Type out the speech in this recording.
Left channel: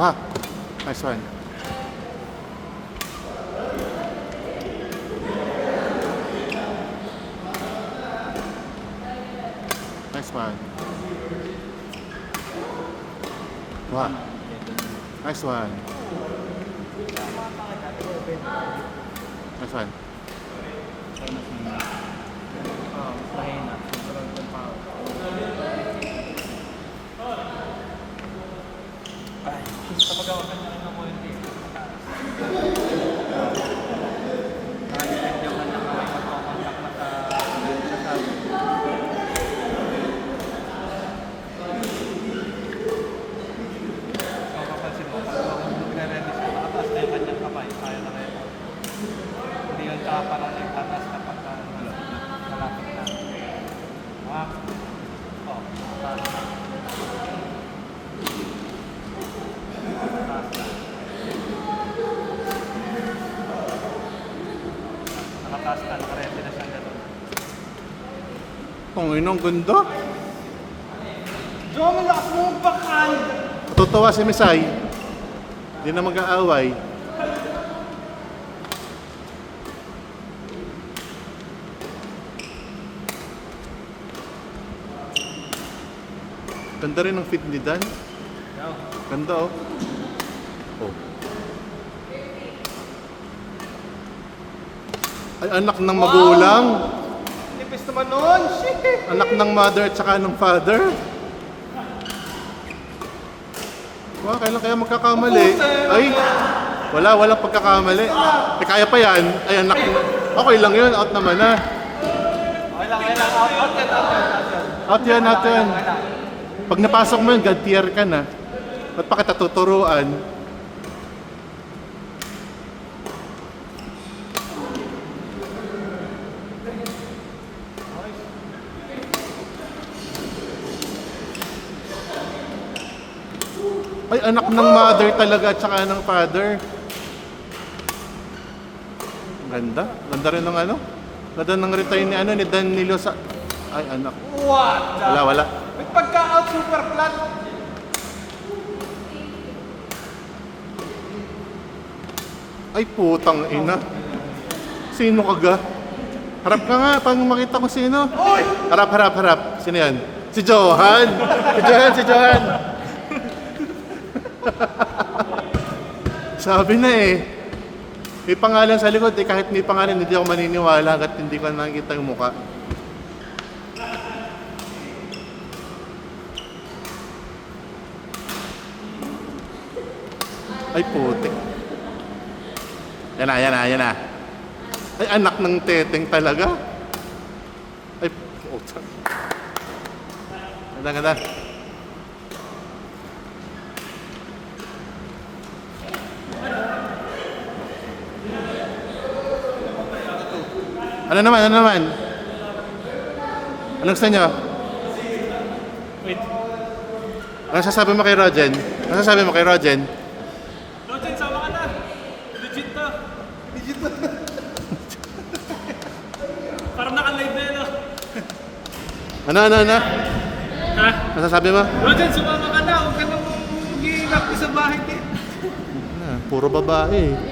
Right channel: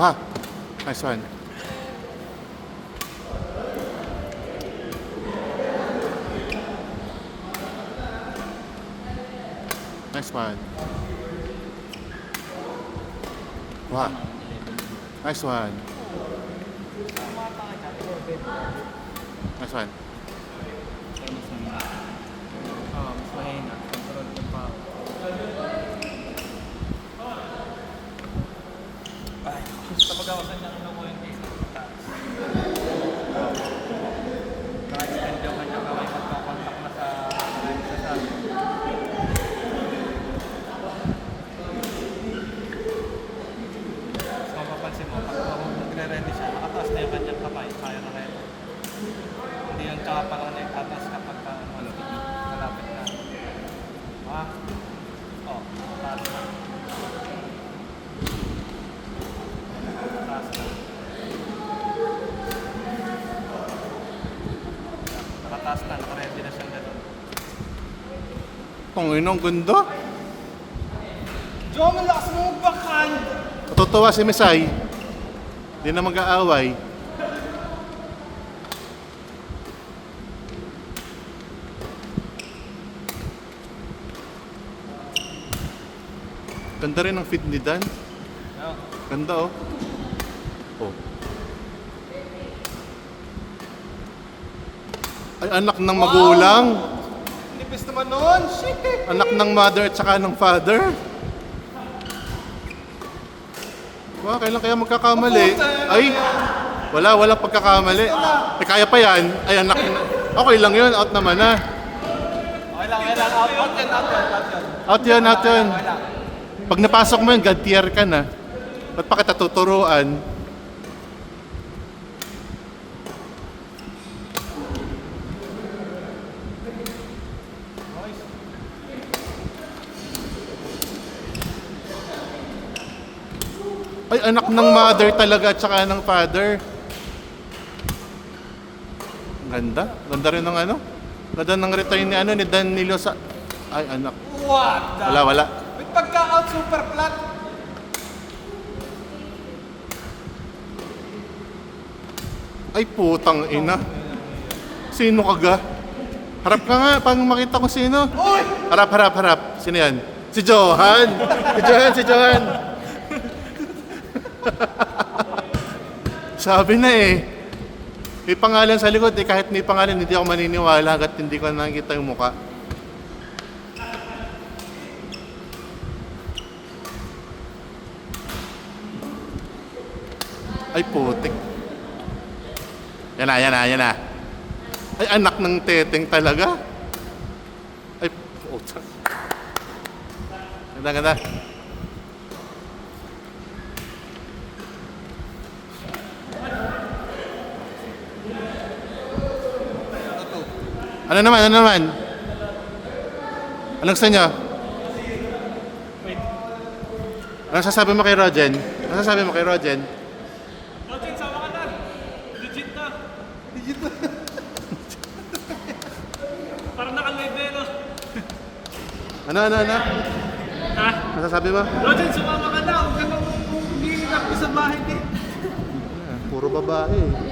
Ah, nice one. Nice one. Wow. Nice one. Nice one. Panginoon, ang ganda. Diyo, malakas mo magbakan! Tutuwa si Mesay. Hindi na mag-aaway. Ganda rin ang feed ni Dan. Ganda oh. Oh. Ay, anak ng magulang. Nipis naman nun! Shit! Anak ng mother at saka ng father. Wow, kailan kaya magkakamali? Ay, walang pagkakamali. Eh, kaya pa yan. Ay, anak. Okay lang yun. Out naman na. Out yan. Pag napasok mo yun, God tier ka na. At pa kita tuturuan. Ay, anak ng mother talaga at saka ng father. Ganda. Ganda rin ng ano. Ganda ng retire ni ano ni Danilo sa... Ay, anak. What? Wala. May pagka-out super flat! Ay, putang ina. Sino ka ga? Harap ka nga, pang makita ko sino. Oy! Harap. Sino yan? Si Johan. Si Johan. Sabi na eh. May pangalan sa likod eh. Kahit may pangalan, hindi ako maniniwala hanggat hindi ko nakikita yung mukha. Ay, putik. Yan na. Ay, anak ng teteng talaga. Ay, putik. Ganda. Ano naman? Anong gusto niyo? Ano sasabi mo kay Rogen? Rogen, sama ka na. Legit to. Parang naka-live na no? Ano? Ha? Ano sasabi mo? Rogen, sumama ka na. Huwag ka nang mag-iingat sa bahay din. Puro babae.